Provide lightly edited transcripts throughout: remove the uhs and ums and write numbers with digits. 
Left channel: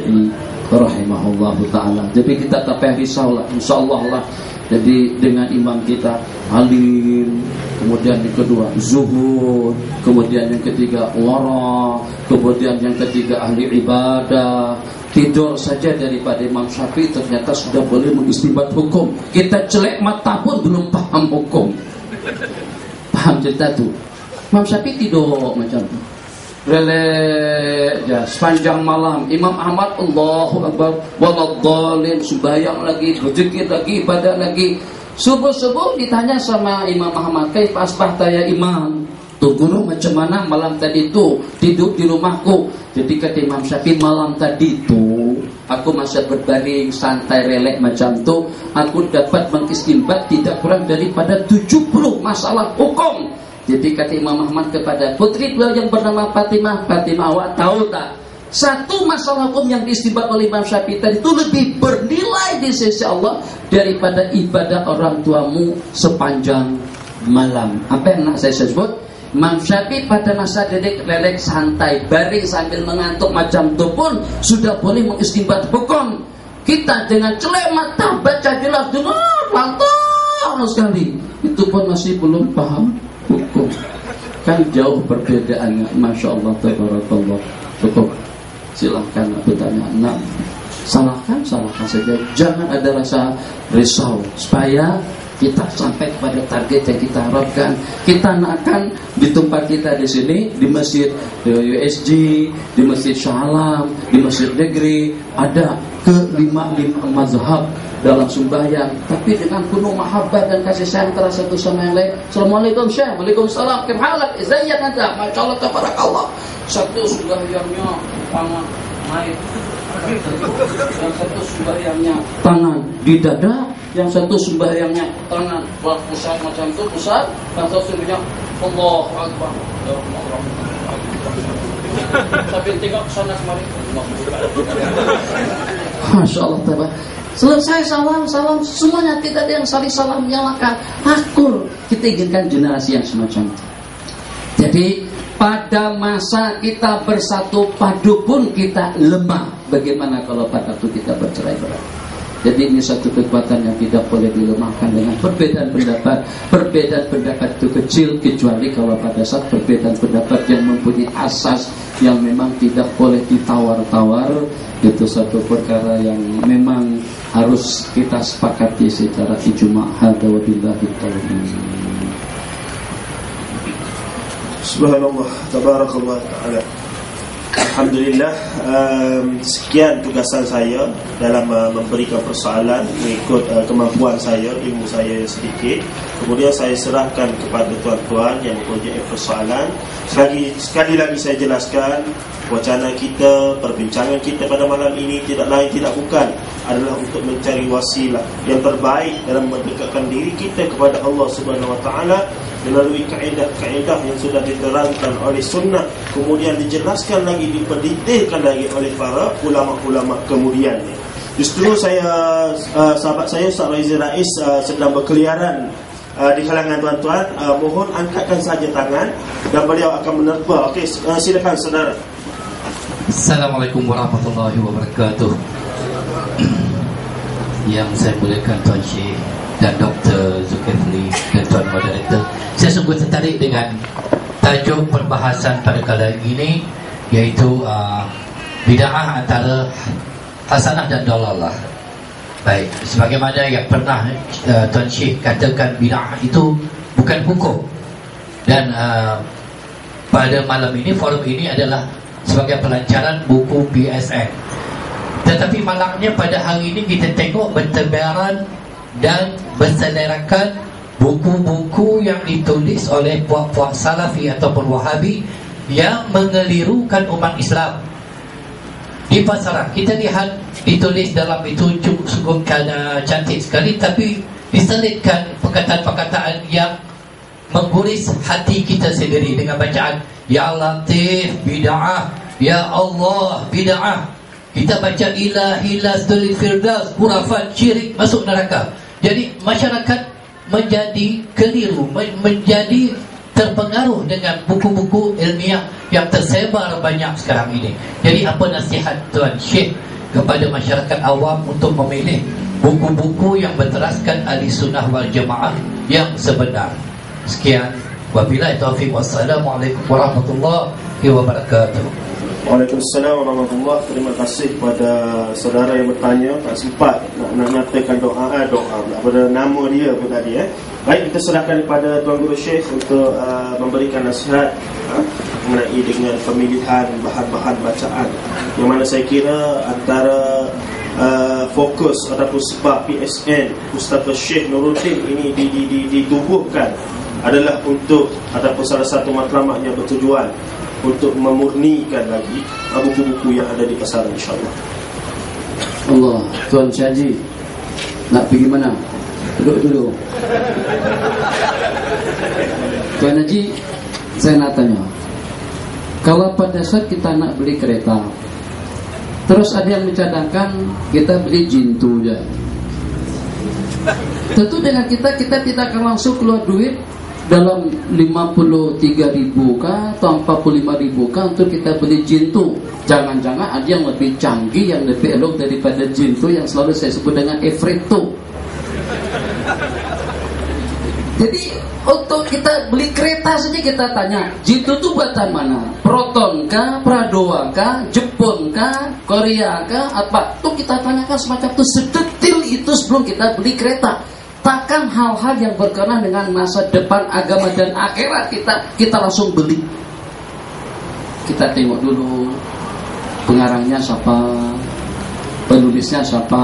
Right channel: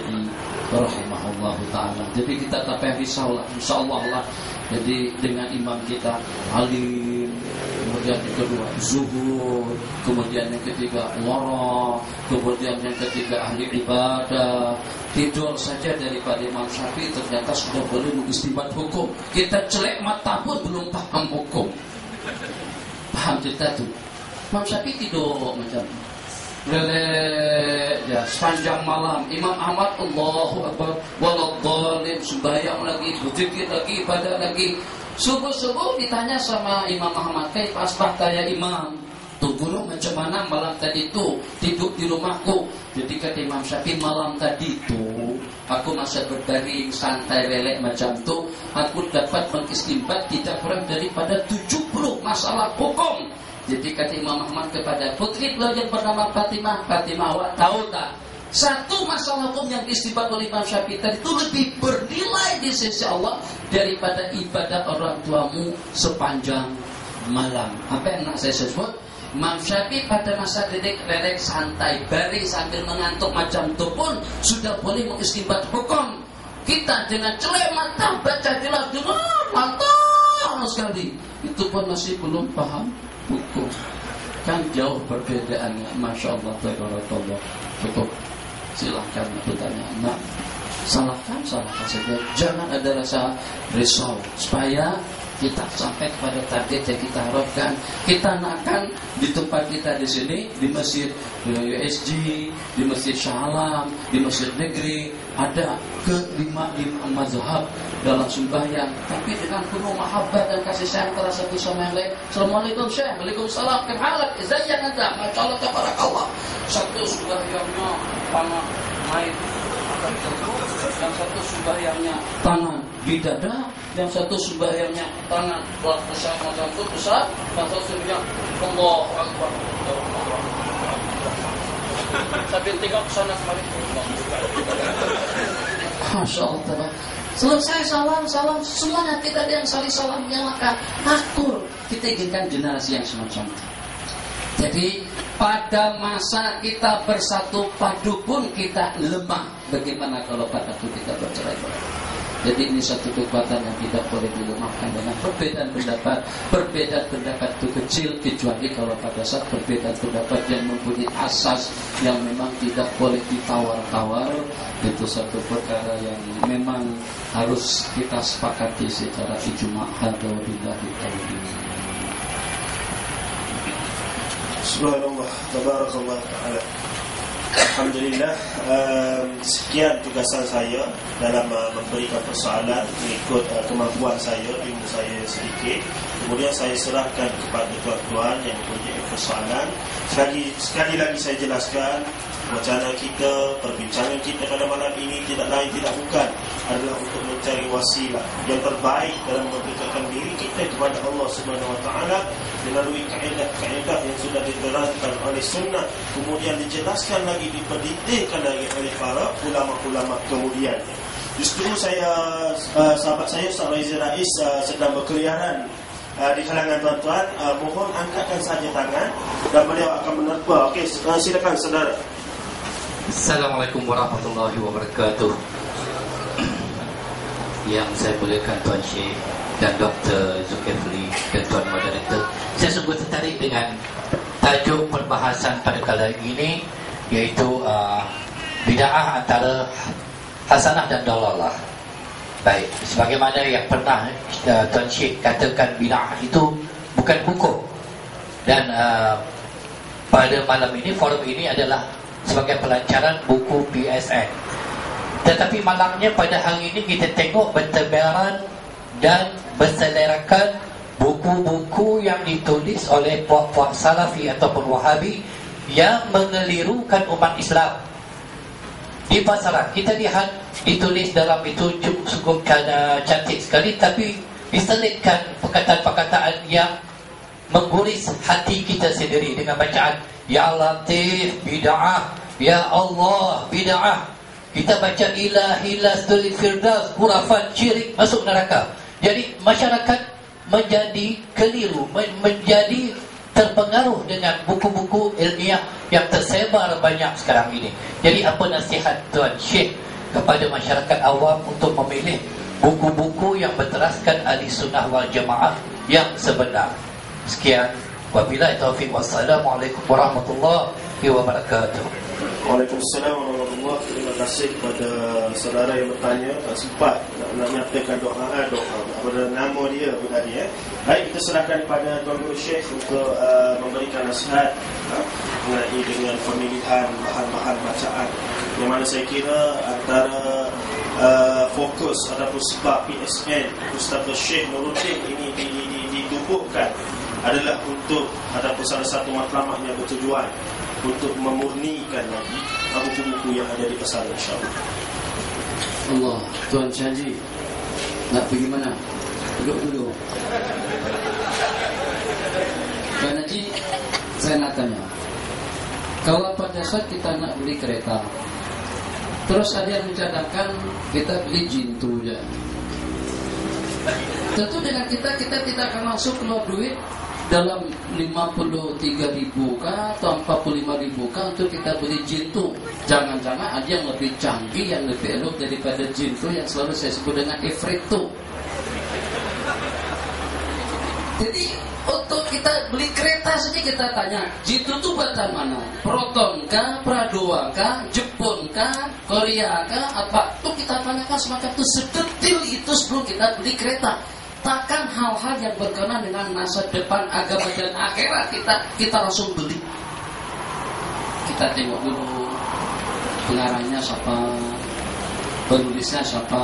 Syafi'i rahimahullah ta'ala. Jadi kita tapah risaulah insyaallah lah. Jadi dengan imam kita alim, kemudian yang kedua zuhud, kemudian yang ketiga wara, kemudian yang ketiga ahli ibadah. Tidur saja daripada Imam Syafi'i ternyata sudah boleh mengistinbat hukum. Kita celek mata pun belum paham hukum. Paham cerita tu? Imam Syafi'i tidur macam tu. Lelek ya, sepanjang malam. Imam Ahmad Allahu Akbar waladhdallin, sembahyang lagi, berzikir lagi, ibadah lagi. Subuh-subuh ditanya sama Imam Ahmad, "Kaifa asbahta ya Imam?" Tuh guru, macam mana malam tadi tu tidur di rumahku? Jadi kata Imam Syafi'i, malam tadi tu aku masih berbaring santai relek macam tu, aku dapat mengistinbat tidak kurang daripada 70 masalah hukum. Jadi kata Imam Ahmad kepada putri beliau yang bernama Fatimah, "Fatimah, awak tahu tak? Satu masalah hukum yang diistinbat oleh Imam Syafi'i tadi itu lebih bernilai di sisi Allah daripada ibadah orang tuamu sepanjang malam." Apa yang nak saya sebut? Imam Syafi'i pada masa relek santai, baring sambil mengantuk macam tu pun sudah boleh mengistinbat hukum. Kita dengan celek mata baca jelas dengar lantar sekali, itu pun masih belum paham hukum. Kan jauh perbedaannya. Masya Allah, tabarakallah. Cukup. Silahkan bertanya. Nah, salahkan saja. Jangan ada rasa risau, supaya kita sampai kepada target yang kita harapkan. Kita nakkan di tempat kita di sini, di masjid USG, di masjid Shah Alam, di masjid negeri, ada ke-5 mazhab dalam sembahyang, tapi dengan penuh mahabbah dan kasih sayang antara satu sama yang lain. Assalamualaikum Syekh, waalaikumsalam, kemhalak, izayat anda, masya Allah, tabarakallah. Satu sembahyangnya tangan naik, yang satu sembahyangnya tangan di dada, yang satu sembahyangnya tangan pusat macam tu pusat, yang satu sembahyang Allahu Akbar. Sambil tengok ke sana kemari. Masya Allah. Selesai salam semuanya, tidak ada yang saling salam menyalahkan. Akur. Kita inginkan generasi yang semacam itu. Jadi pada masa kita bersatu padu pun kita lemah. Bagaimana kalau pada waktu kita bercerai-berai? Jadi ini satu kekuatan yang tidak boleh dilemahkan dengan perbedaan pendapat. Perbedaan pendapat itu kecil, kecuali kalau pada saat perbedaan pendapat yang mempunyai asas yang memang tidak boleh ditawar-tawar. Itu satu perkara yang memang harus kita sepakati secara ijma'. Hadza wa billahi taufiq. Subhanallah, tabarakallah ta'ala. Alhamdulillah, sekian tugasan saya dalam memberikan persoalan mengikut kemampuan saya, ilmu saya sedikit. Kemudian saya serahkan kepada tuan-tuan yang mempunyai persoalan. Sekali lagi saya jelaskan, wacana kita, perbincangan kita pada malam ini tidak lain tidak bukan adalah untuk mencari wasilah yang terbaik dalam mendekatkan diri kita kepada Allah Subhanahu Wa Taala melalui kaedah-kaedah yang sudah diterangkan oleh sunnah, kemudian dijelaskan lagi, diperdetailkan lagi oleh para ulama-ulama kemudian. Justru saya, sahabat saya Ustaz Raizal Rais sedang berkeliaran di kalangan tuan-tuan. Mohon angkatkan saja tangan dan beliau akan menerpa. Okey, silakan saudara. Assalamualaikum warahmatullahi wabarakatuh. Yang saya muliakan Tuan Syekh dan Dr. Zulkifli dan Tuan Moderator, saya sungguh tertarik dengan tajuk perbahasan pada kali ini, iaitu bid'ah antara hasanah dan dalalah. Baik, sebagaimana yang pernah Tuan Syekh katakan, bid'ah itu bukan hukum. Dan pada malam ini, forum ini adalah sebagai pelancaran buku BSN. Tetapi malangnya pada hari ini kita tengok bertebaran dan berselerakkan buku-buku yang ditulis oleh puak-puak Salafi ataupun Wahabi yang mengelirukan umat Islam. Di pasaran kita lihat ditulis dalam itu cukup cantik sekali, tapi diselitkan perkataan-perkataan yang mengguris hati kita sendiri dengan bacaan Ya Latif bid'ah, Ya Allah bid'ah. Kita baca ilahilah stulil firdaus, khurafat, syirik, masuk neraka. Jadi masyarakat menjadi keliru, menjadi terpengaruh dengan buku-buku ilmiah yang tersebar banyak sekarang ini. Jadi apa nasihat Tuan Syekh kepada masyarakat awam untuk memilih buku-buku yang berteraskan ahli sunnah wal jamaah yang sebenar? Sekian, wabillahi taufiq, wassalamualaikum warahmatullahi wabarakatuh. Waalaikumsalam warahmatullahi wabarakatuh. Terima kasih kepada saudara yang bertanya. Tak sempat nak nyatakan doa pada nama dia pun tadi. Baik, kita serahkan kepada Tuan Guru Syekh untuk memberikan nasihat mengenai dengan pemilihan bahan-bahan bacaan, yang mana saya kira antara fokus ataupun sebab PSN Ustaz Syekh Nuruddin ini ditubuhkan adalah untuk ataupun salah satu matlamat yang bertujuan untuk memurnikan lagi buku-buku yang ada di pasaran, insyaAllah. Allah, Tuan Syaji nak pergi mana? Duduk dulu. Tuan Haji, saya nak tanya, kalau pada saat kita nak beli kereta, terus ada yang mencadangkan kita beli jintu je, tentu dengan kita tidak akan langsung keluar duit dalam 53.000 kah atau 45.000 kah untuk kita beli jintu. Jangan-jangan ada yang lebih canggih, yang lebih elok daripada jintu yang selalu saya sebut dengan Efreto. Jadi untuk kita beli kereta saja kita tanya, jintu itu buatan mana? Proton kah, Pradoa kah, Jepun kah, Korea kah, apa? Itu kita tanyakan semacam itu, sedetil itu sebelum kita beli kereta. Takkan hal-hal yang berkenaan dengan masa depan agama dan akhirat kita langsung beli. Kita tengok dulu pengarangnya siapa, penulisnya siapa,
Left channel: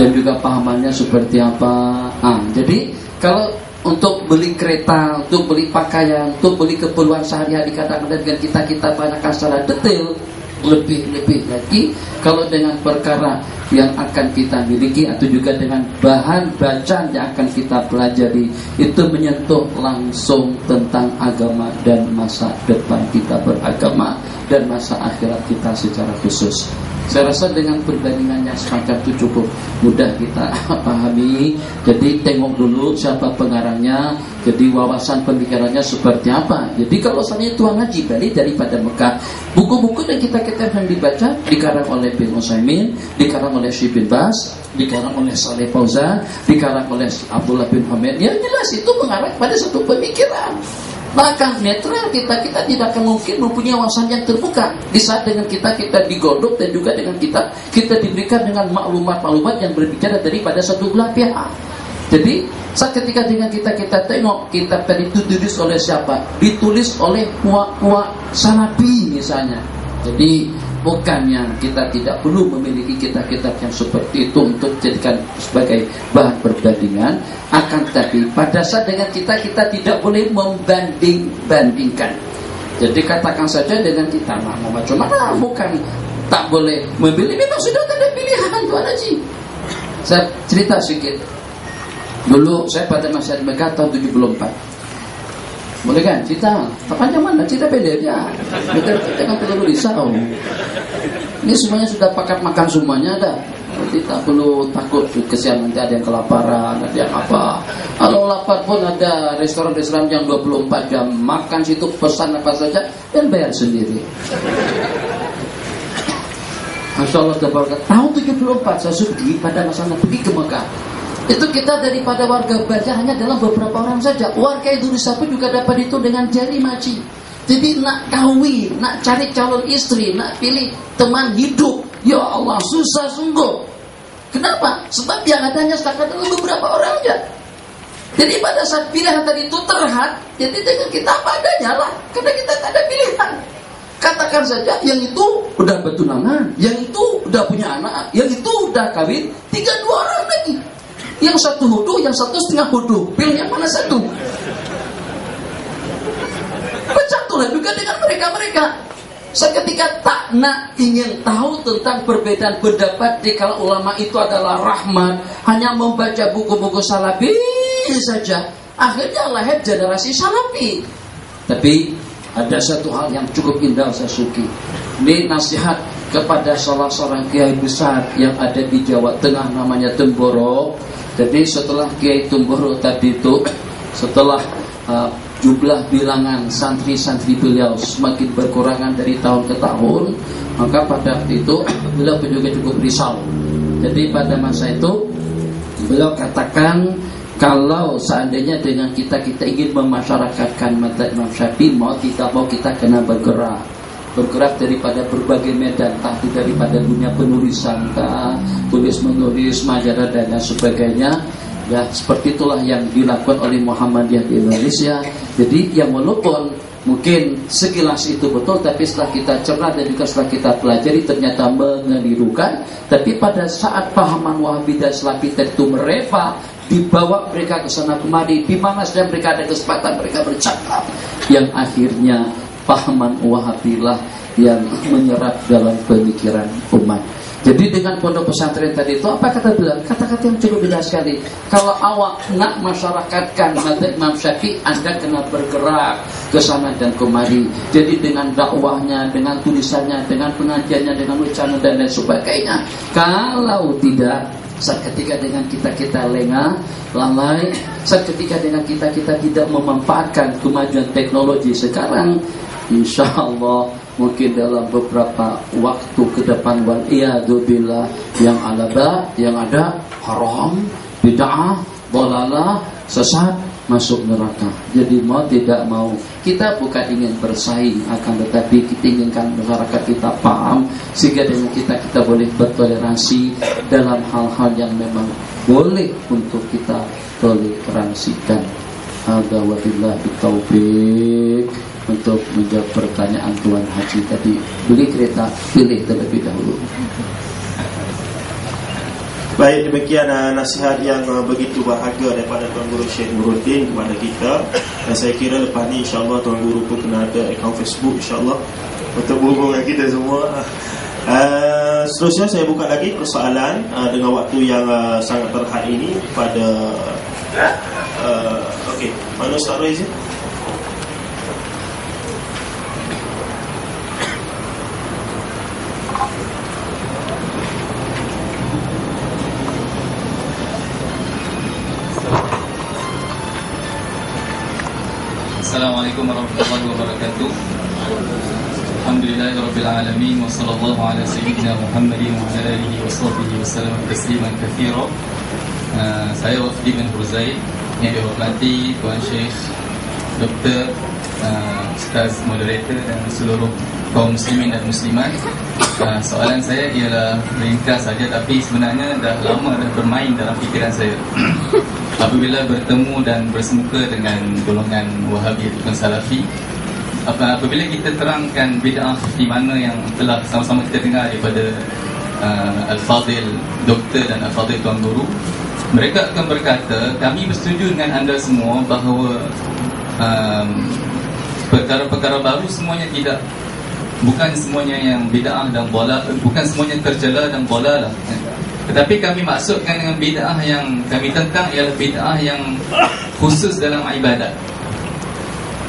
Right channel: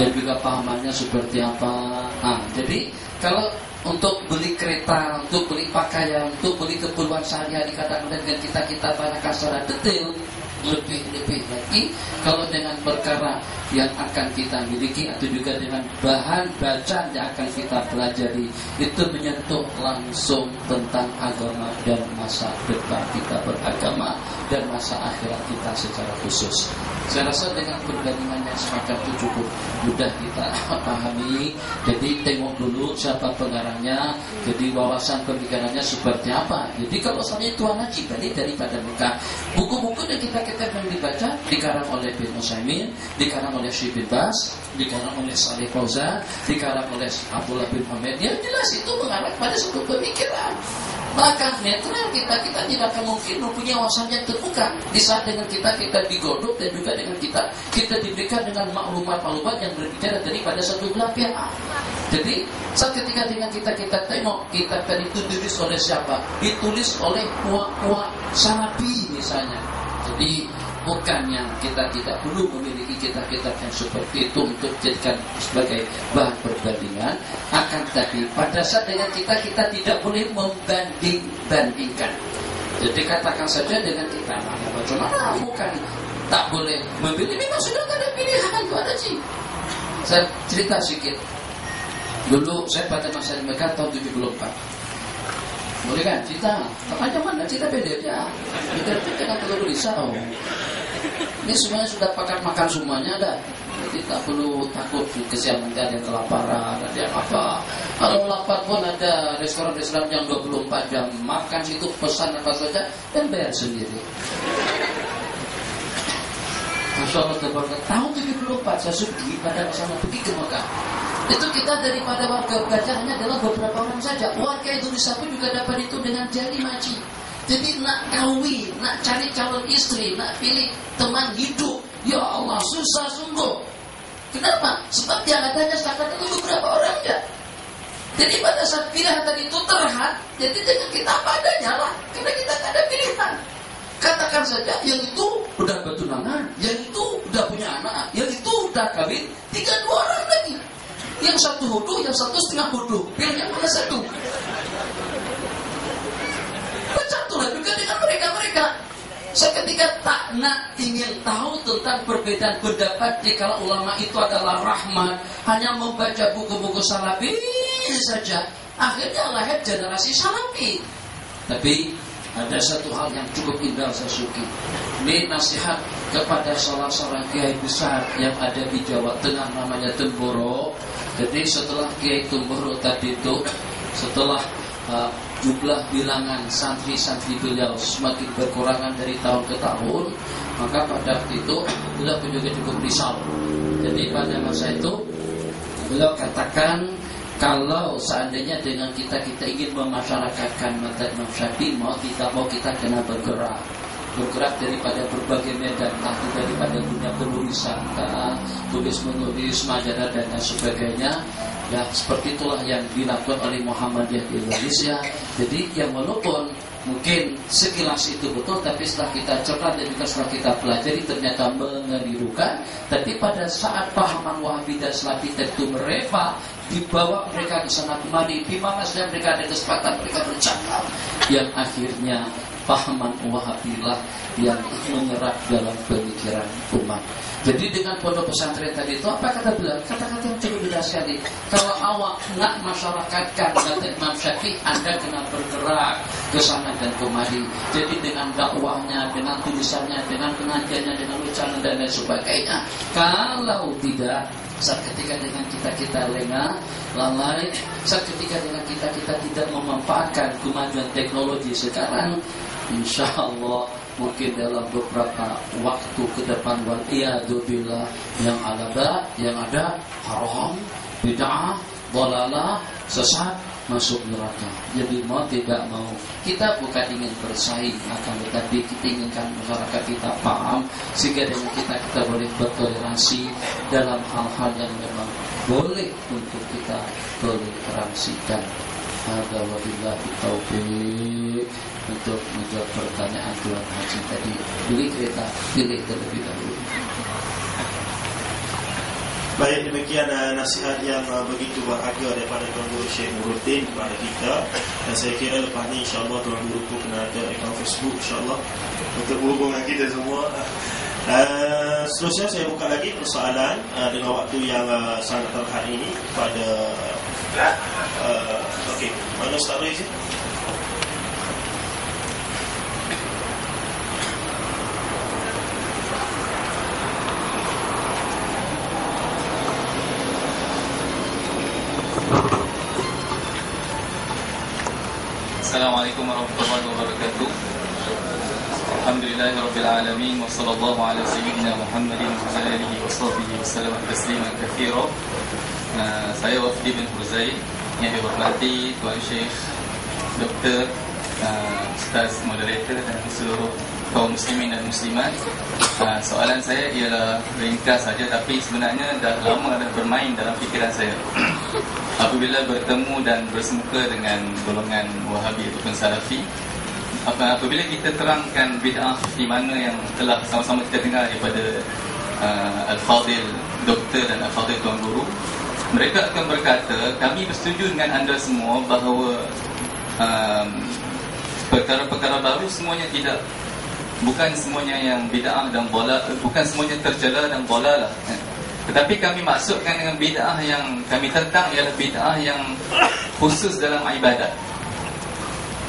dan juga pahamannya seperti apa. Jadi kalau untuk beli kereta, untuk beli pakaian, untuk beli keperluan sehari-hari kadang-kadang dengan kita tanyakan secara detail, lebih lagi kalau dengan perkara yang akan kita miliki atau juga dengan bahan bacaan yang akan kita pelajari, itu menyentuh langsung tentang agama dan masa depan kita beragama dan masa akhirat kita secara khusus. Saya rasa dengan perbandingannya semacam itu cukup mudah kita pahami. Jadi tengok dulu siapa pengarangnya, jadi wawasan pemikirannya seperti apa. Jadi kalau misalnya Tuan Haji balik daripada Mekah, buku-buku yang kita yang dibaca dikarang oleh bin Utsaimin, dikarang oleh Syekh bin Baz, dikarang oleh Saleh Fauzan, dikarang oleh Abdullah bin Hamid. Yang jelas itu mengarah pada satu pemikiran. Maka netral kita tidak akan mungkin mempunyai wawasan yang terbuka di saat dengan kita digodok dan juga dengan kita diberikan dengan maklumat-maklumat yang berbicara daripada satu belah pihak. Jadi saat ketika dengan kita tengok kitab tadi itu ditulis oleh siapa? Ditulis oleh puak-puak Salafi misalnya. Jadi bukannya kita tidak perlu memiliki kitab-kitab yang seperti itu untuk dijadikan sebagai bahan perbandingan, akan tetapi pada saat dengan kita tidak boleh membanding-bandingkan. Jadi katakan saja dengan kita mau baca mana, bukan tak boleh memilih, memang sudah ada pilihan Tuan Haji. Saya cerita sedikit. Dulu saya pada masa di Mekah tahun 74. Boleh kan? Cerita panjang mana? Cerita pendek aja. Kita kan perlu risau. Ini semuanya sudah pakat makan semuanya ada. Jadi tak perlu takut kesian nanti ada yang kelaparan, ada yang apa. Kalau lapar pun ada restoran-restoran yang 24 jam makan situ, pesan apa saja dan bayar sendiri. Masya Allah, tahun 74 saya pergi pada masa pergi ke Mekah. Itu kita daripada warga baca hanya dalam beberapa orang saja. Warga Indonesia pun juga dapat itu dengan jari maci. Jadi nak kawin, nak cari calon istri, nak pilih teman hidup, ya Allah susah sungguh. Kenapa? Sebab yang adanya setakat itu beberapa orang saja. Jadi pada saat pilihan tadi itu terhad, jadi dengan kita apa adanya lah, karena kita tak ada pilihan. Katakan saja yang itu udah bertunangan, yang itu udah punya anak, yang itu udah kawin, tinggal 2 orang lagi. Yang satu hudu, yang satu setengah hudu. Pilih yang mana satu? Bersatulah juga dengan mereka-mereka. Seketika tak nak ingin tahu tentang perbedaan pendapat di kalangan ulama itu adalah rahmat, hanya membaca buku-buku Salafi saja. Akhirnya lahir generasi Salafi. Tapi ada satu hal yang cukup indah saya suki. Ini nasihat kepada salah seorang kiai besar yang ada di Jawa Tengah, namanya Temboro. Jadi setelah Kiai Temboro tadi itu, setelah jumlah bilangan santri-santri beliau semakin berkurangan dari tahun ke tahun, maka pada waktu itu beliau juga cukup risau. Jadi pada masa itu beliau katakan, kalau seandainya dengan kita ingin memasyarakatkan mazhab Imam Syafi'i, mau kita kena bergerak daripada berbagai medan, entah itu daripada dunia penulisan, tulis menulis, majalah dan sebagainya. Ya, seperti itulah yang dilakukan oleh Muhammadiyah di Indonesia. Jadi yang walaupun mungkin sekilas itu betul, tapi setelah kita cerna dan juga setelah kita pelajari ternyata mengelirukan. Tapi pada saat pahaman Wahabi dan Salafi itu mereka dibawa mereka ke sana kemari, di mana saja mereka ada kesempatan mereka bercakap, yang akhirnya pahaman Wahabi lah yang menyerap dalam pemikiran umat. Jadi dengan pondok pesantren tadi itu apa kata beliau? Kata-kata yang cukup jelas sekali. Kalau awak nak masyarakatkan mazhab Imam Syafi'i, Anda kena bergerak ke sana dan kemari. Jadi dengan dakwahnya, dengan tulisannya, dengan pengajiannya, dengan ucapan dan lain sebagainya. Kalau tidak, saat ketika dengan kita lengah, lalai, saat ketika dengan kita tidak memanfaatkan kemajuan teknologi sekarang, insya Allah mungkin dalam beberapa waktu ke depan, waliyadzubillah, yang ada haram, bid'ah, dhalalah, sesat, masuk neraka. Jadi mau tidak mau, kita bukan ingin bersaing, akan tetapi kita inginkan masyarakat kita paham, sehingga dengan kita boleh bertoleransi dalam hal-hal yang memang boleh untuk kita toleransikan. Hadza wabillahi taufiq. Untuk menjawab pertanyaan Tuan Haji tadi, beli kereta, pilih terlebih dahulu. Baik, demikian nasihat yang begitu bahagia daripada Tuan Guru Syekh Nuruddin kepada kita. Dan saya kira lepas ni insyaAllah Tuan Guru pun kena ada akaun Facebook insyaAllah untuk berhubung dengan kita semua. Seterusnya saya buka lagi persoalan dengan waktu yang sangat terhad ini pada okey, mana Ustaz Raiz? Assalamualaikum warahmatullahi wabarakatuh. Alhamdulillahirabbil alamin wa sallallahu ala sayyidina Muhammadin wa ala alihi wa sahbihi wasallam tasliman katsira. Saya Wafdi bin Huzail yang dihormati Tuan Syekh, Doktor, Ustaz Moderator dan seluruh kaum muslimin dan muslimat. Soalan saya ialah ringkas saja, tapi sebenarnya dah lama dah bermain dalam fikiran saya. Apabila bertemu dan bersemuka dengan golongan Wahabi ataupun Salafi, apabila kita terangkan bid'ah di mana yang telah sama-sama kita dengar daripada Al-Fadil Doktor dan Al-Fadil Tuan Guru, mereka akan berkata, kami bersetuju dengan anda semua bahawa perkara-perkara baru semuanya tidak, bukan semuanya yang bid'ah dan bola, bukan semuanya tercela dan bola lah. Tetapi kami maksudkan dengan bid'ah yang kami tentang ialah bid'ah yang khusus dalam ibadat.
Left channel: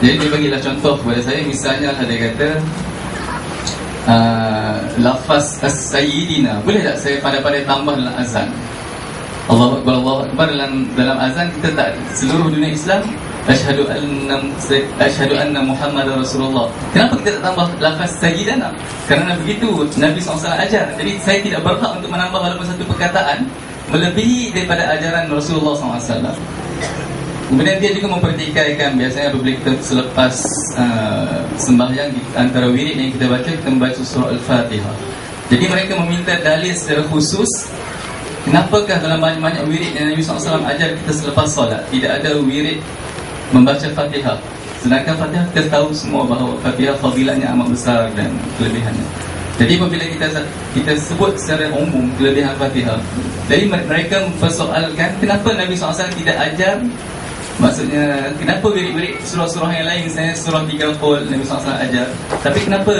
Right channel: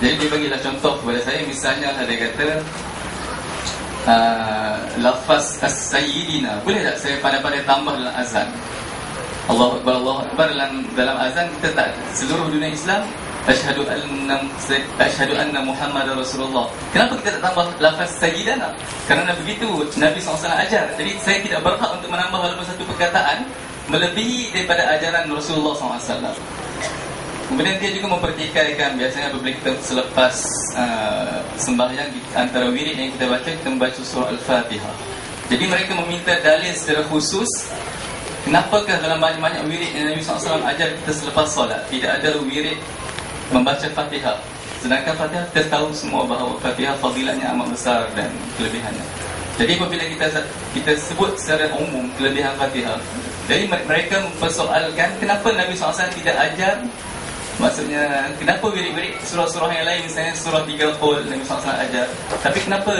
Jadi dia bagilah contoh kepada saya. Misalnya dia kata lafaz as-sayyidina, boleh tak saya pada-pada tambah dalam azan? Allahu Akbar dalam azan kita tak, seluruh dunia Islam Asyhadu anna Muhammadar Rasulullah. Kenapa kita tak tambah lafaz sayyidana? Kerana begitu Nabi SAW ajar. Jadi saya tidak berhak untuk menambah walaupun satu perkataan melebihi daripada ajaran Rasulullah SAW. Kemudian dia juga mempertikaikan, biasanya apabila kita selepas sembahyang, antara wirid yang kita baca, kita membaca surah Al-Fatihah. Jadi mereka meminta dalil secara khusus, kenapakah dalam banyak-banyak wirid yang Nabi SAW ajar kita selepas solat tidak ada wirid membaca Fatihah, sedangkan Fatihah kita tahu semua bahawa Fatihah fadilatnya amat besar dan kelebihannya. Jadi apabila kita sebut secara umum kelebihan Fatihah, jadi mereka mempersoalkan kenapa Nabi SAW tidak ajar. Maksudnya, kenapa wirid-wirid surah-surah yang lain, misalnya surah 3 Qul Nabi SAW ajar, tapi kenapa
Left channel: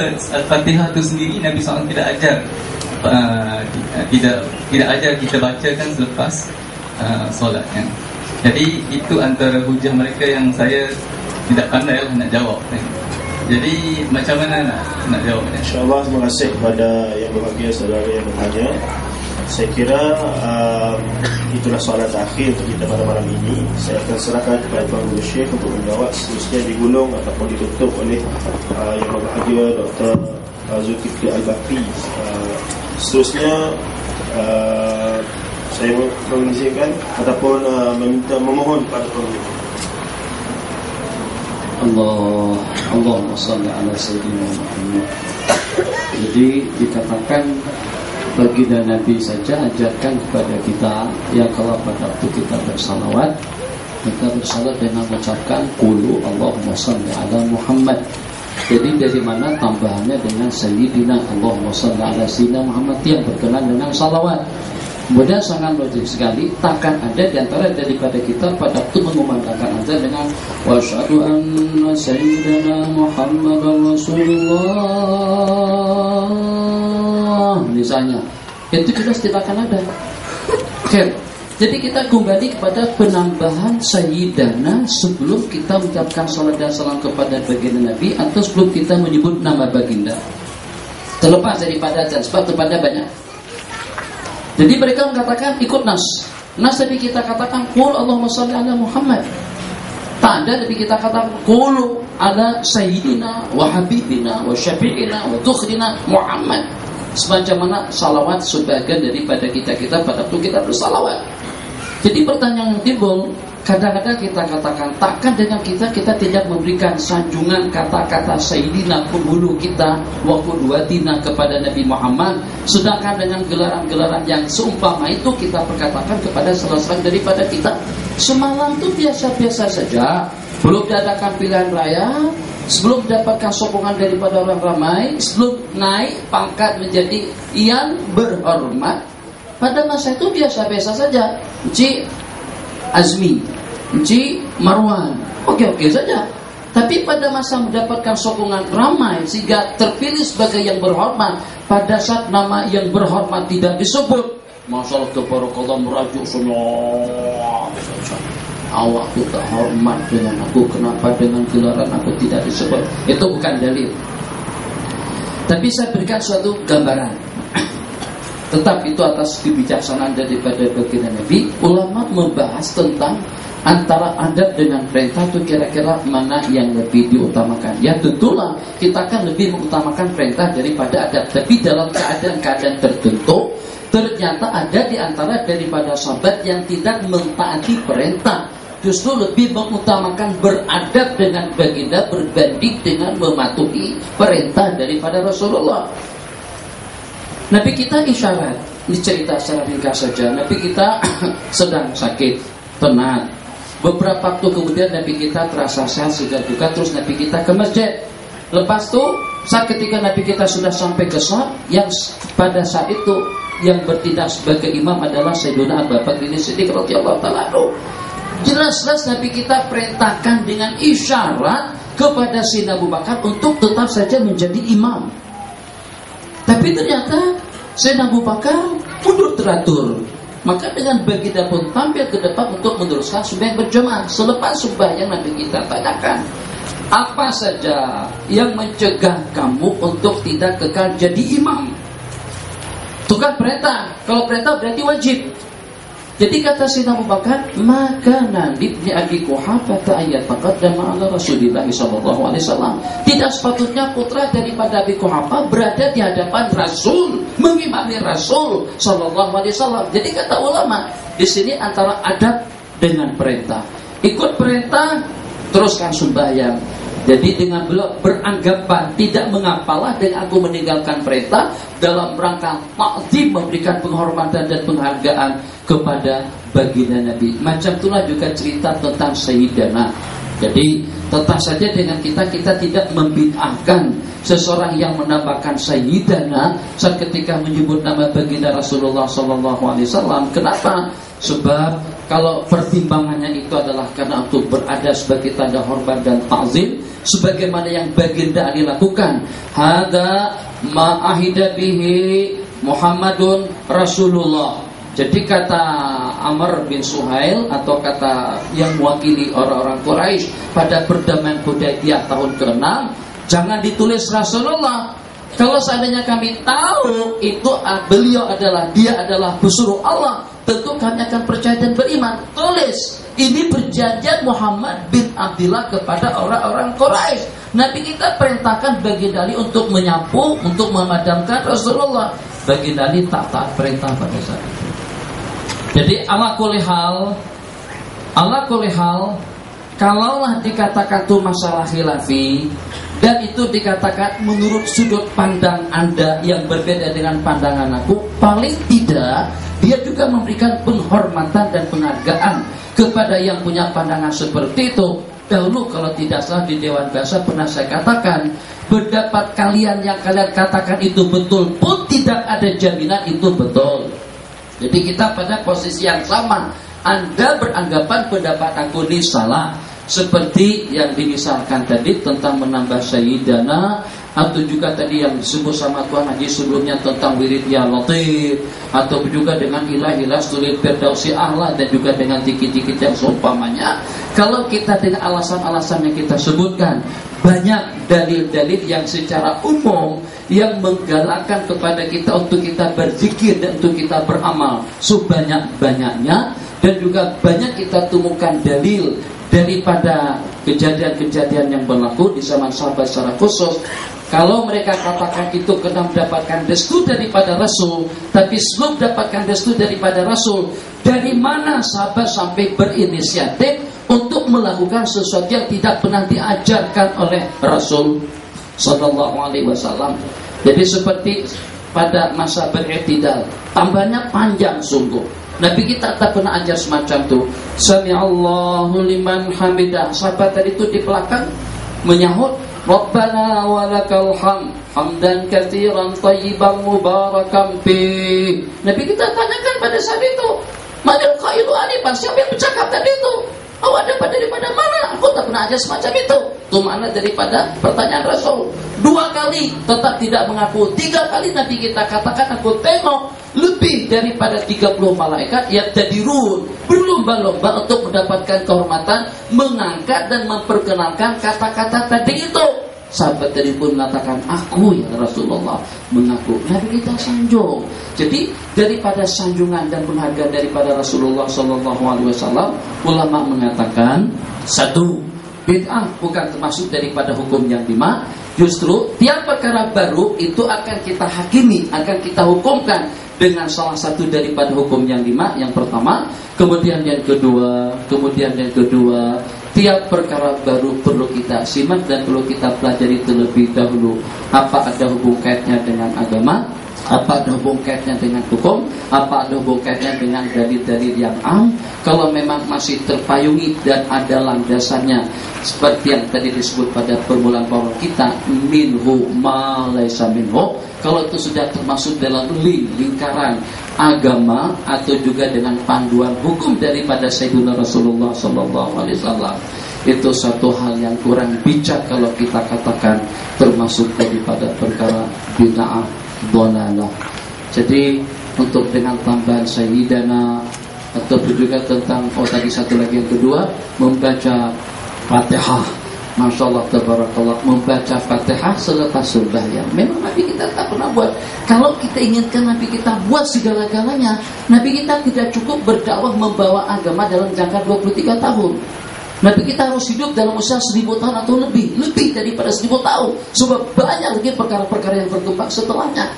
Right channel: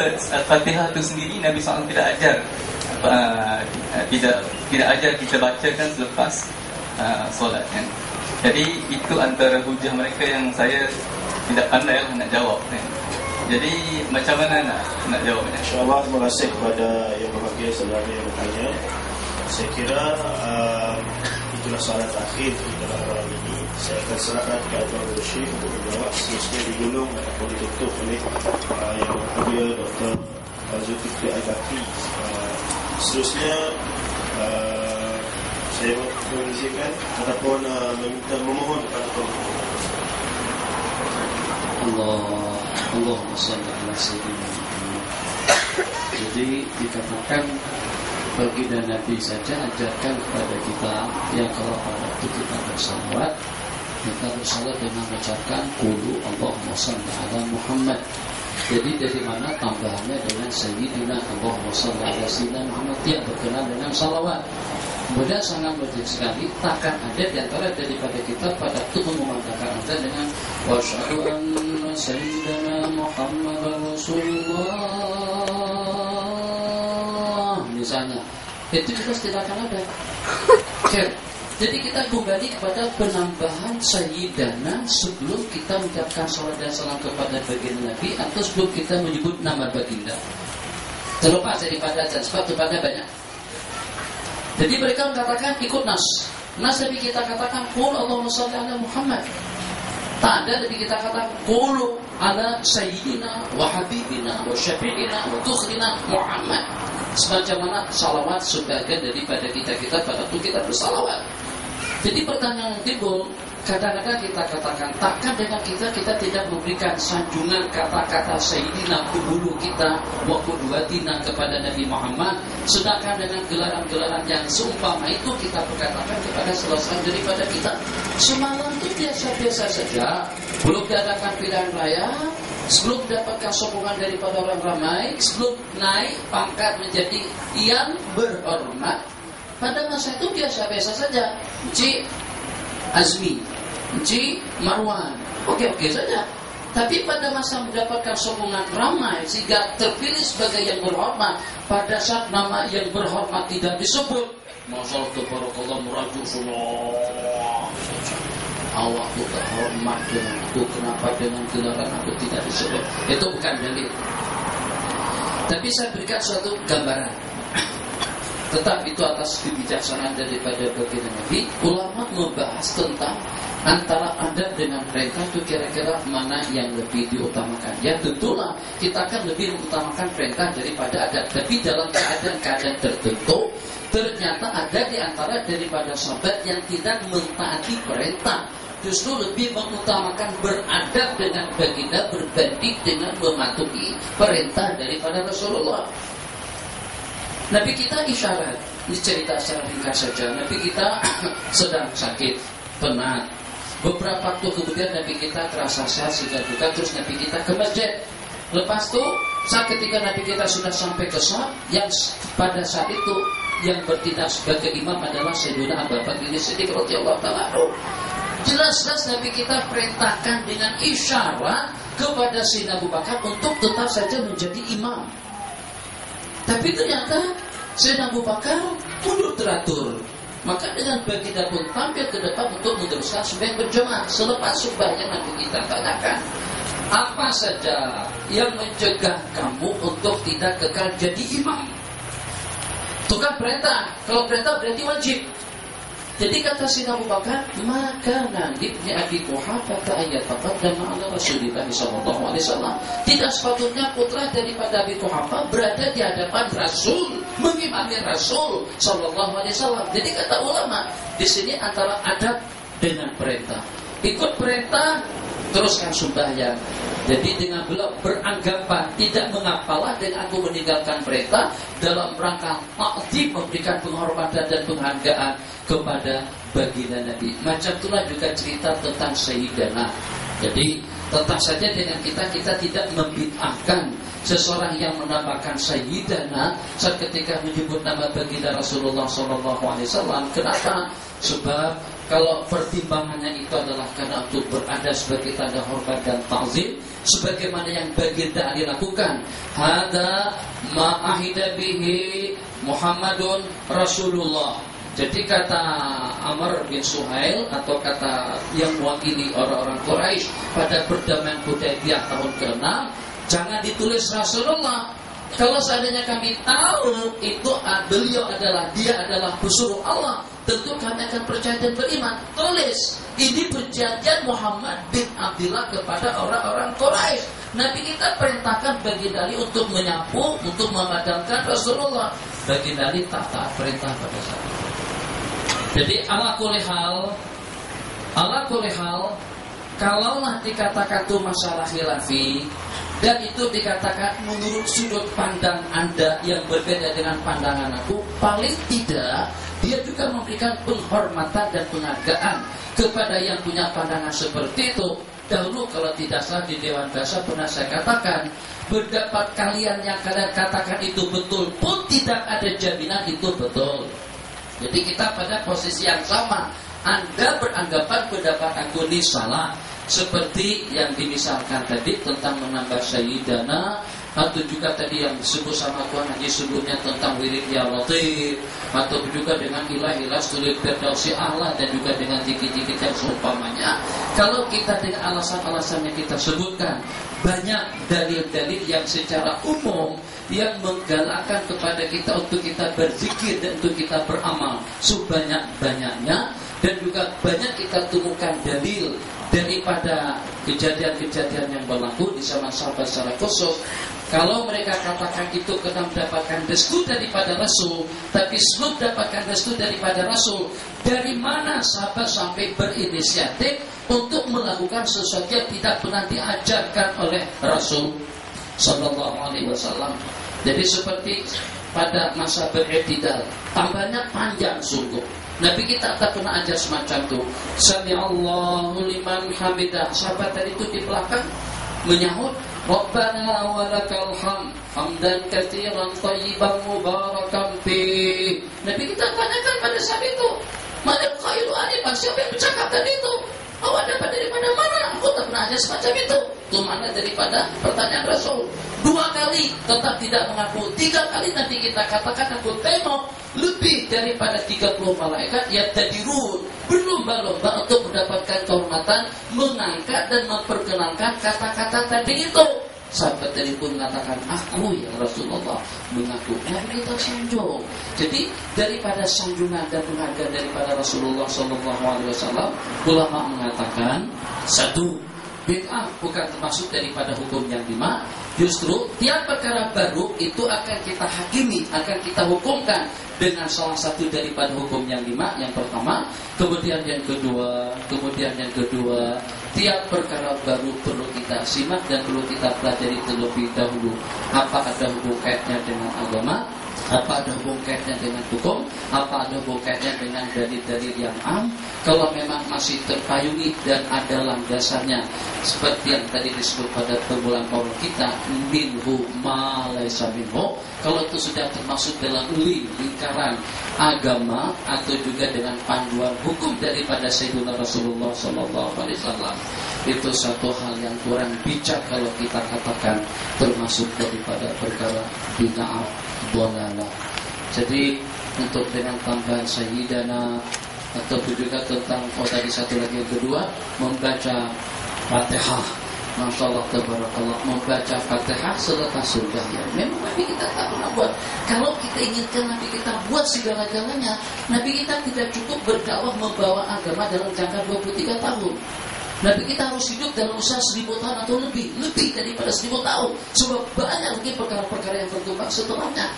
Fatihah itu sendiri Nabi SAW tidak ajar, tidak ajar kita bacakan selepas solat kan? Jadi itu antara hujah mereka yang saya tidak pandai lah nak jawab kan? Jadi macam mana nak jawabnya? InsyaAllah terima kasih kepada yang berbahagia saudara yang bertanya. Saya kira itulah soalan terakhir untuk kita pada malam ini. Saya akan serahkan kepada Tuan Guru Syekh untuk menjawab, seterusnya digulung ataupun ditutup oleh Yang Berbahagia Dr. Zulkifli Al-Bakri. Seterusnya saya mengizinkan ataupun memohon kepada Tuan Guru. Allahumma shalli ala sayyidina Muhammad. Jadi dikatakan baginda Nabi saja ajarkan kepada kita, ya kalau pada waktu kita bersalawat, kita bersalawat dengan mengucapkan qulu Allahumma shalli ala Muhammad. Jadi dari mana tambahannya dengan sayyidina Allahumma shalli ala sayyidina Muhammad yang berkenan dengan salawat. Kemudian sangat wajib sekali, takkan ada di antara daripada kita pada waktu mengumandangkan azan dengan wa asyhadu anna sayyidina Muhammadar Rasulullah misalnya, itu jelas tidak akan ada. Jadi kita kembali kepada penambahan sayyidana sebelum kita mengucapkan salat dan salam kepada baginda Nabi atau sebelum kita menyebut nama baginda. Terlepas daripada azan, sebab kepada banyak. Jadi mereka mengatakan ikut nas. Nas Nabi kita katakan qul Allahumma shalli ala Muhammad. Tak ada Nabi kita katakan qul ala sayyidina wa habibina wa syafi'ina wa tukhrina Muhammad. Semacam mana salawat sebagian daripada kita pada waktu kita bersalawat. Jadi pertanyaan yang timbul, kadang-kadang kita katakan takkan dengan kita tidak memberikan sanjungan kata-kata sayyidina penghulu kita wa qudwatina kepada Nabi Muhammad, sedangkan dengan gelaran-gelaran yang seumpama itu kita perkatakan kepada salah seorang daripada kita. Semalam itu biasa-biasa saja, belum diadakan pilihan raya, sebelum mendapatkan sokongan daripada orang ramai, sebelum naik pangkat menjadi yang berhormat. Pada masa itu biasa-biasa saja. Encik Azmi, Encik Marwan, oke-oke saja. Tapi pada masa mendapatkan sokongan ramai sehingga terpilih sebagai yang berhormat, pada saat nama yang berhormat tidak disebut, masalah tabarakallah merajuk semua. Awakku terhormat dengan aku, kenapa dengan gelaran aku tidak disebut? Itu bukan dalil. Tapi saya berikan suatu gambaran. Tetap itu atas kebijaksanaan daripada baginda Nabi. Ulama membahas tentang antara adab dengan perintah itu kira-kira mana yang lebih diutamakan. Ya tentulah kita akan lebih mengutamakan perintah daripada adab. Tapi dalam keadaan-keadaan tertentu, ternyata ada di antara daripada sahabat yang tidak mentaati perintah, justru lebih mengutamakan beradab dengan baginda berbanding dengan mematuhi perintah daripada Rasulullah. Nabi kita isyarat, ini cerita secara ringkas saja. Nabi kita sedang sakit, penat. Beberapa waktu kemudian Nabi kita terasa sehat sehingga juga, terus Nabi kita ke masjid. Lepas itu, saat ketika Nabi kita sudah sampai ke salat, yang pada saat itu yang bertindak sebagai imam adalah Sayyidina Abu Bakar As-Siddiq radhiyallahu ta'ala anhu. Jelas-jelas Nabi kita perintahkan dengan isyarat kepada Sayyidina Abu Bakar untuk tetap saja menjadi imam. Tapi ternyata Sayyidina Abu Bakar mundur teratur. Maka dengan baginda pun tampil ke depan untuk meneruskan sembahyang berjamaah. Selepas sembahyang Nabi kita tanyakan, apa saja yang mencegah kamu untuk tidak kekal jadi imam? Itu kan perintah. Kalau perintah berarti wajib. Jadi kata Sayyidina Abu Bakar, maka nanti ibni Abi Quhafah ayat taqaddama ma'ala Rasulillah sallallahu alaihi wasallam. Tidak sepatutnya putra daripada Abi Quhafah berada di hadapan Rasul, mengimami Rasul sallallahu alaihi wasallam. Jadi kata ulama, di sini antara adab dengan perintah. Ikut perintah, teruskan sembahyang. Jadi dengan beliau beranggapan tidak mengapalah dengan aku meninggalkan perintah dalam rangka ta'zim, memberikan penghormatan dan penghargaan kepada baginda Nabi. Macam itulah juga cerita tentang Sayyidana. Jadi tetap saja dengan kita tidak membid'ahkan seseorang yang menambahkan Sayyidana saat ketika menyebut nama baginda Rasulullah SAW. Kenapa? Sebab kalau pertimbangannya itu adalah karena untuk berada sebagai tanda hormat dan ta'zim, sebagaimana yang baginda Ali lakukan. Hada ma'ahida bihi Muhammadun Rasulullah. Jadi kata Amr bin Suhail atau kata yang mewakili orang-orang Quraisy pada perdamaian Hudaybiyah tahun ke-6, jangan ditulis Rasulullah, Kalau seandainya kami tahu itu beliau dia adalah pesuruh Allah, tentu kami akan percaya dan beriman. Tulis, ini perjanjian Muhammad bin Abdullah kepada orang-orang Quraisy. Nabi kita perintahkan baginda Ali untuk menyapu, untuk memadamkan Rasulullah. Baginda Ali tak perintah pada saat itu. Jadi ala kulli hal, kalaulah dikatakan itu masalah khilafi, dan itu dikatakan menurut sudut pandang Anda yang berbeda dengan pandangan aku, paling tidak dia juga memberikan penghormatan dan penghargaan kepada yang punya pandangan seperti itu. Dahulu kalau tidak salah di Dewan Bahasa pernah saya katakan, pendapat kalian yang kalian katakan itu betul pun tidak ada jaminan itu betul. Jadi kita pada posisi yang sama. Anda beranggapan pendapat aku ini salah, seperti yang dimisalkan tadi tentang menambah Sayyidana, atau juga tadi yang disebut sama Tuan Haji sebelumnya tentang wirid ya Latif, atau juga dengan ilah-ilah sulit Firdausi A'la, dan juga dengan dikit-dikit yang seumpamanya. Kalau kita dengan alasan-alasan yang kita sebutkan, banyak dalil-dalil yang secara umum yang menggalakkan kepada kita untuk kita berzikir dan untuk kita beramal sebanyak-banyaknya, dan juga banyak kita temukan dalil daripada kejadian-kejadian yang berlaku di zaman sahabat secara khusus. Kalau mereka katakan itu kena mendapatkan restu daripada Rasul, tapi sebelum mendapatkan restu daripada Rasul, dari mana sahabat sampai berinisiatif untuk melakukan sesuatu yang tidak pernah diajarkan oleh Rasul Sallallahu Alaihi Wasallam? Jadi seperti pada masa berektidal, tambahnya panjang sungguh. Nabi kita tak pernah ajar semacam itu. Sami'allahu liman hamidah. Sahabat tadi itu di belakang menyahut, Rabbana walakal hamd, hamdan katsiran thayyiban mubarakan fi. Nabi kita tanyakan pada saat itu, Madal khairu anifan, siapa yang bercakap tadi itu? Awak dapat daripada mana? Aku tak pernah ajar semacam itu. Itu mana daripada pertanyaan Rasul. 2 kali tetap tidak mengaku. 3 kali Nabi kita katakan, aku tengok lebih daripada 30 malaikat yang tadirun, berlomba-lomba untuk mendapatkan kehormatan, mengangkat dan memperkenalkan kata-kata tadi itu. Sahabat tadi pun mengatakan, aku ya Rasulullah, mengaku. Nabi kita sanjung. Jadi daripada sanjungan dan penghargaan daripada Rasulullah SAW, ulama mengatakan, 1, bid'ah bukan termasuk daripada hukum yang 5. Justru tiap perkara baru itu akan kita hakimi, akan kita hukumkan dengan salah satu daripada hukum yang 5. Yang pertama, kemudian yang kedua, tiap perkara baru perlu kita simak dan perlu kita pelajari terlebih dahulu. Apa ada hubung kaitnya dengan agama, apa ada hubung kaitnya dengan hukum, apa ada hubung kaitnya dengan dalil-dalil yang am. Kalau memang masih terpayungi dan ada landasannya, seperti yang tadi disebut pada permulaan bahwa kita minhu ma laysa minhu, kalau itu sudah termasuk dalam lingkaran agama atau juga dengan panduan hukum daripada Sayyidina Rasulullah SAW, itu satu hal yang kurang bijak kalau kita katakan termasuk daripada perkara bid'ah dhalalah. Jadi untuk dengan tambahan Sayyidana atau juga tentang tadi satu lagi yang kedua, membaca Fatihah. Masya Allah, tabarakallah, membaca Fatihah selepas sembahyang. Memang Nabi kita tak pernah buat. Kalau kita inginkan Nabi kita buat segala-galanya, Nabi kita tidak cukup berdakwah membawa agama dalam jangka 23 tahun. Nabi kita harus hidup dalam usia 1000 tahun atau lebih daripada 1000 tahun. Sebab banyak lagi perkara-perkara yang berkembang setelahnya.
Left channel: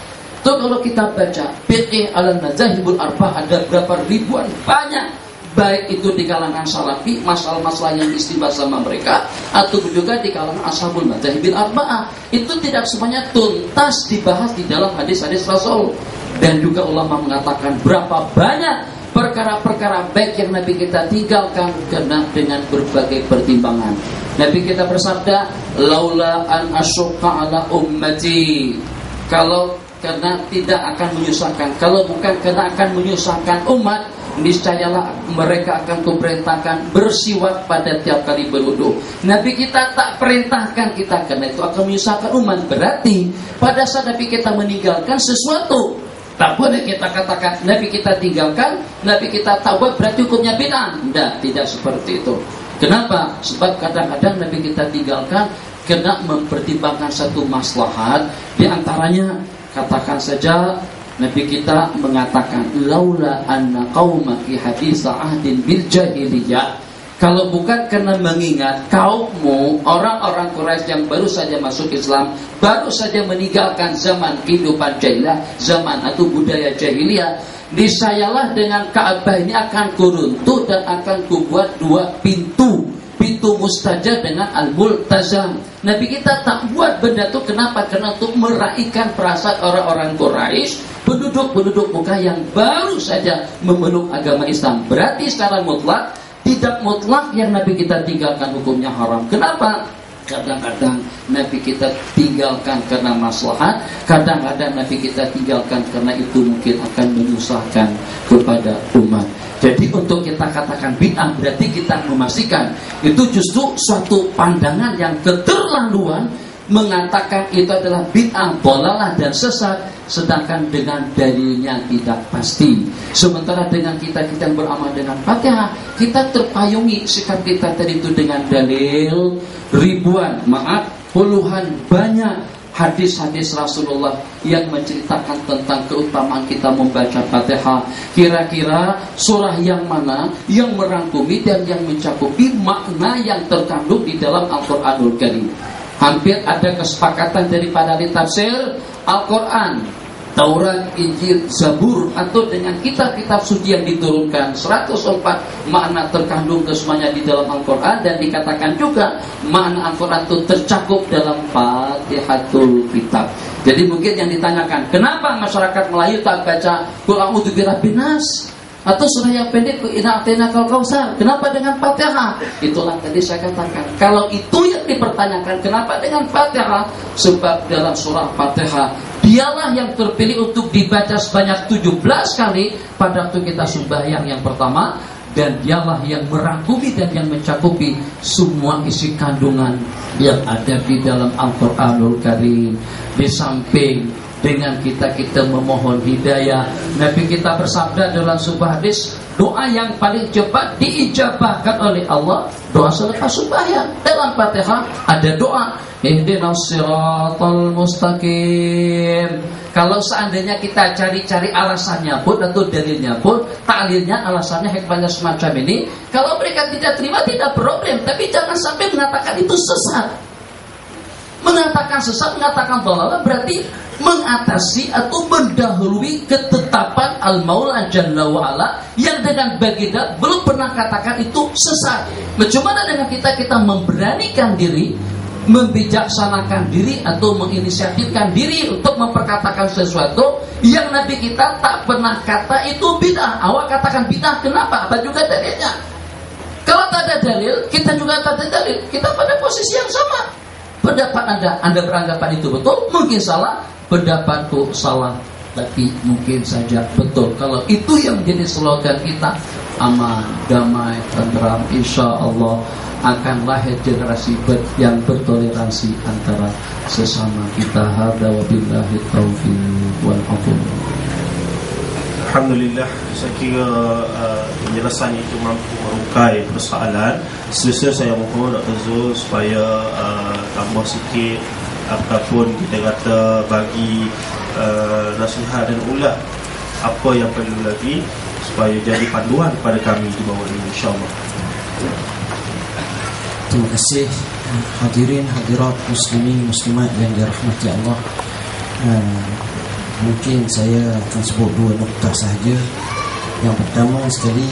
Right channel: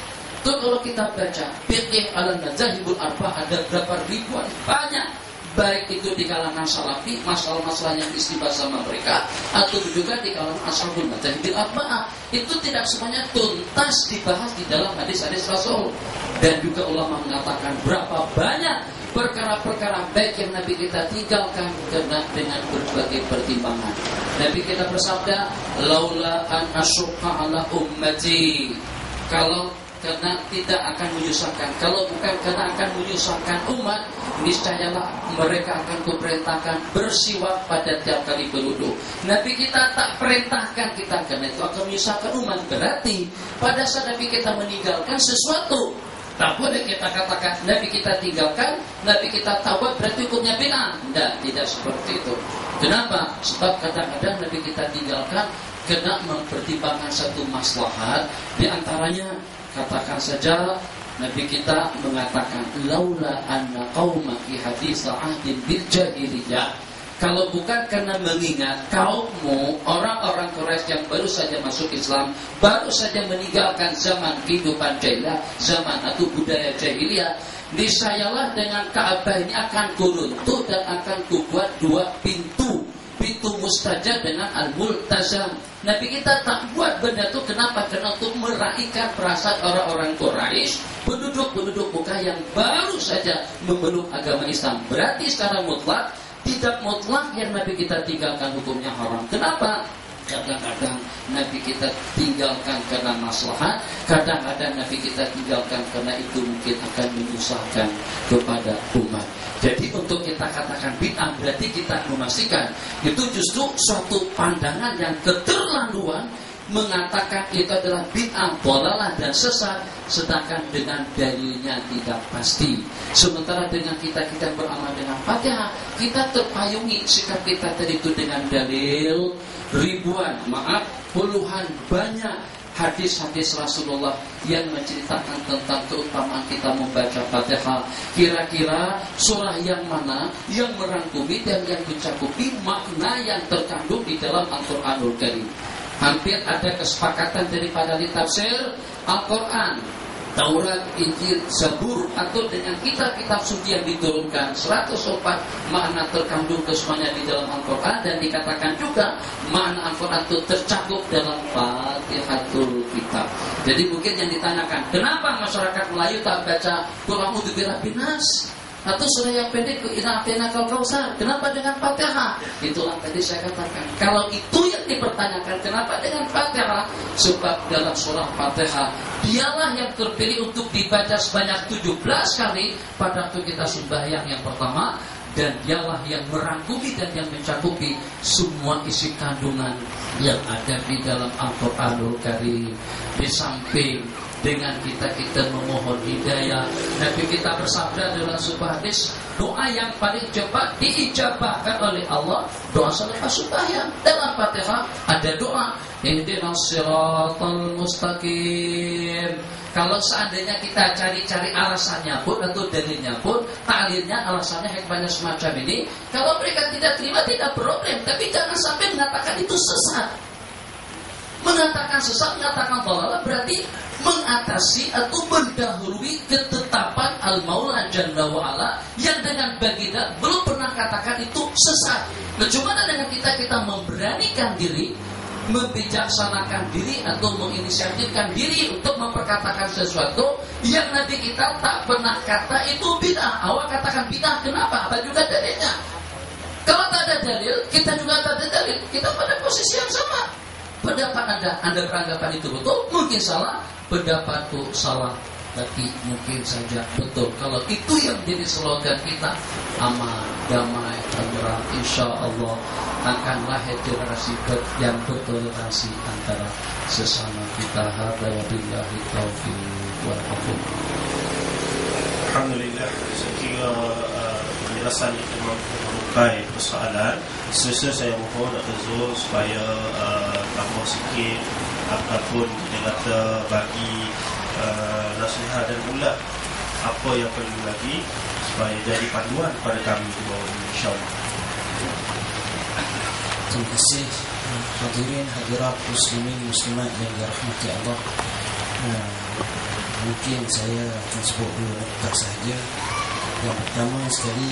Tuh kalau kita baca Fiqh al-Mazahibul Arba', ada berapa ribuan, banyak. Baik itu di kalangan salafi, masalah-masalah yang istibah sama mereka, atau juga di kalangan ashabul Mazahibil Arba'ah, itu tidak semuanya tuntas dibahas di dalam hadis-hadis Rasul. Dan juga ulama mengatakan berapa banyak perkara-perkara baik yang Nabi kita tinggalkan karena dengan berbagai pertimbangan. Nabi kita bersabda, laula an asyqa ala ummati, kalau karena tidak akan menyusahkan, kalau bukan karena akan menyusahkan umat, niscayalah mereka akan kuperintahkan bersiwak pada tiap kali berwudu. Nabi kita tak perintahkan kita karena itu akan menyusahkan umat. Berarti pada saat Nabi kita meninggalkan sesuatu, tak boleh kita katakan Nabi kita tinggalkan, Nabi kita taubat berarti hukumnya bid'ah. Tidak seperti itu. Kenapa? Sebab kadang-kadang Nabi kita tinggalkan kena mempertimbangkan satu maslahat. Di antaranya katakan saja Nabi kita mengatakan laula anna qaumaki haditsa ahdin bil jahiliyah, kalau bukan karena mengingat kaummu orang-orang Quraisy yang baru saja masuk Islam, baru saja meninggalkan zaman kehidupan jahiliyah, zaman atau budaya jahiliyah, niscayalah dengan Ka'bah ini akan kuruntuh dan akan kubuat 2 pintu mustajab dengan al-multazam. Nabi kita tak buat benda itu kenapa? Karena untuk meraihkan perasaan orang-orang Quraisy, penduduk Mekah yang baru saja memeluk agama Islam. Berarti secara mutlak, tidak mutlak yang Nabi kita tinggalkan hukumnya haram. Kenapa? Kadang-kadang Nabi kita tinggalkan karena maslahat, kadang-kadang Nabi kita tinggalkan karena itu mungkin akan menyusahkan kepada umat. Jadi untuk kita katakan bid'ah berarti kita memastikan itu justru suatu pandangan yang keterlaluan, mengatakan itu adalah bid'ah, dhalalah dan sesat, sedangkan dengan dalilnya tidak pasti. Sementara dengan kita beramal dengan Fatihah, kita terpayungi sikap kita tadi itu dengan dalil ribuan, puluhan banyak hadis-hadis Rasulullah yang menceritakan tentang keutamaan kita membaca Fatihah. Kira-kira surah yang mana yang merangkumi dan yang mencakupi makna yang terkandung di dalam Al-Quranul Karim? Hampir ada kesepakatan daripada ahli tafsir, Al-Quran, Taurat, Injil, Zabur, atau dengan kitab-kitab suci yang diturunkan 104 makna terkandung kesemuanya di dalam Al-Quran, dan dikatakan juga makna Al-Quran itu tercakup dalam Fatihatul Kitab. Jadi mungkin yang ditanyakan, kenapa masyarakat Melayu tak baca Qul a'udzu birabbin nas atau surah yang pendek Inna a'tainakal kautsar? Kenapa dengan Fatihah? Itulah tadi saya katakan, kalau itu yang dipertanyakan kenapa dengan Fatihah, sebab dalam surah Fatihah dialah yang terpilih untuk dibaca sebanyak 17 kali pada waktu kita sembahyang yang pertama, dan dialah yang merangkumi dan yang mencakupi semua isi kandungan yang ada di dalam Al-Quranul Karim. Di samping dengan kita memohon hidayah, Nabi kita bersabda dalam sebuah hadis, doa yang paling cepat diijabahkan oleh Allah, doa selepas sembahyang. Dalam Fatihah ada doa ihdinas siratal mustaqim. Kalau seandainya kita cari-cari alasannya pun atau dalilnya pun, taklilnya, alasannya, hikmahnya semacam ini, kalau mereka tidak terima tidak problem, tapi jangan sampai mengatakan itu sesat. Mengatakan sesat, mengatakan dhalalah berarti mengatasi atau mendahului ketetapan Al-Maula Jalla wa'ala yang dengan baginda belum pernah katakan itu sesat. Bagaimana dengan kita memberanikan diri, membijaksanakan diri atau menginisiatifkan diri untuk memperkatakan sesuatu yang Nabi kita tak pernah kata itu bid'ah. Awak katakan bid'ah, kenapa? Apa juga dalilnya? Kalau tak ada dalil, kita juga tak ada dalil, kita pada posisi yang sama. Pendapat Anda beranggapan itu betul, mungkin salah. Pendapatku salah, tapi mungkin saja betul. Kalau itu yang menjadi slogan kita, aman, damai, tenteram, insya Allah akan lahir generasi yang bertoleransi antara sesama kita. Hada wabillahi taufiq wal hidayah. Alhamdulillah, saya kira penjelasan itu mampu merukai persoalan. Selesai saya mohon Dr. Zul supaya tambah sikit apapun kita kata bagi nasihat dan ulat apa yang perlu lagi supaya jadi panduan pada kami di bawah ini, insyaAllah. Terima kasih hadirin hadirat muslimin muslimat yang dirahmati Allah. Mungkin saya akan sebut 2 nokta sahaja. Yang pertama sekali,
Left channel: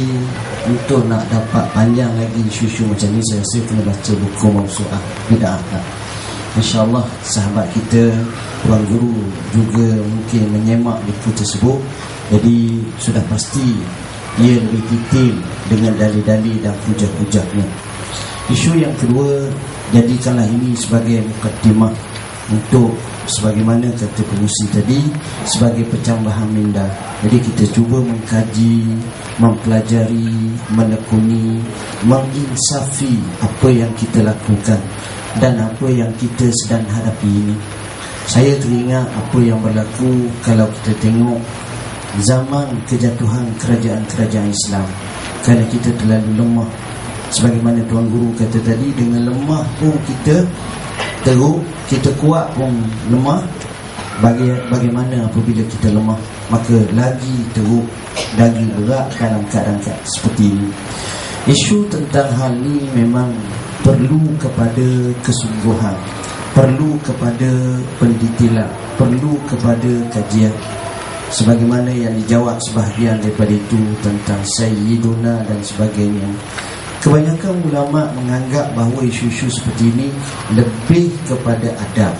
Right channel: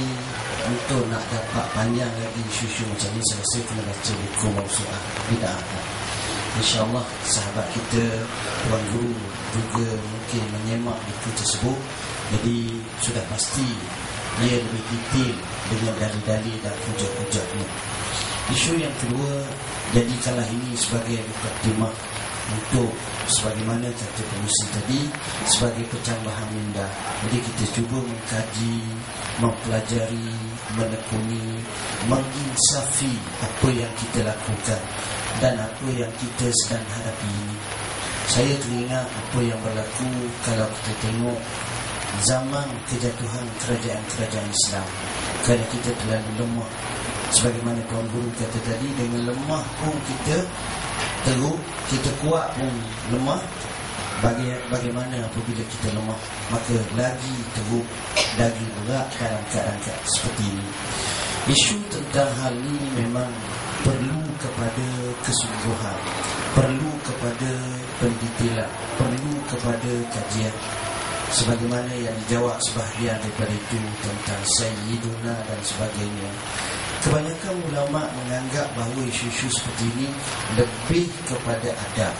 untuk nak dapat panjang lagi isu-isu macam ni, saya rasa kena baca buku Mawsu'ah Bid'ah. InsyaAllah sahabat kita, tuan guru juga mungkin menyemak buku tersebut. Jadi sudah pasti ia lebih detail dengan dalil-dalil dan hujah-hujahnya. Isu yang kedua, jadikanlah ini sebagai mukadimah untuk sebagaimana kata pengusi tadi, sebagai pencambahan minda. Jadi kita cuba mengkaji, mempelajari, menekuni, menginsafi apa yang kita lakukan dan apa yang kita sedang hadapi ini. Saya teringat apa yang berlaku kalau kita tengok zaman kejatuhan kerajaan-kerajaan Islam. Kerana kita terlalu lemah. Sebagaimana Tuan Guru kata tadi, dengan lemah pun kita teruk, kita kuat pun lemah. Bagaimana apabila kita lemah, maka lagi teruk, lagi berat dalam keadaan seperti ini. Isu tentang hal ini memang perlu kepada kesungguhan, perlu kepada pendetailan, perlu kepada kajian. Sebagaimana yang dijawab sebahagian daripada itu tentang Sayyiduna dan sebagainya. Kebanyakan ulama menganggap bahawa isu-isu seperti ini lebih kepada adab.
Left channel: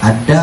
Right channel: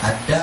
Adab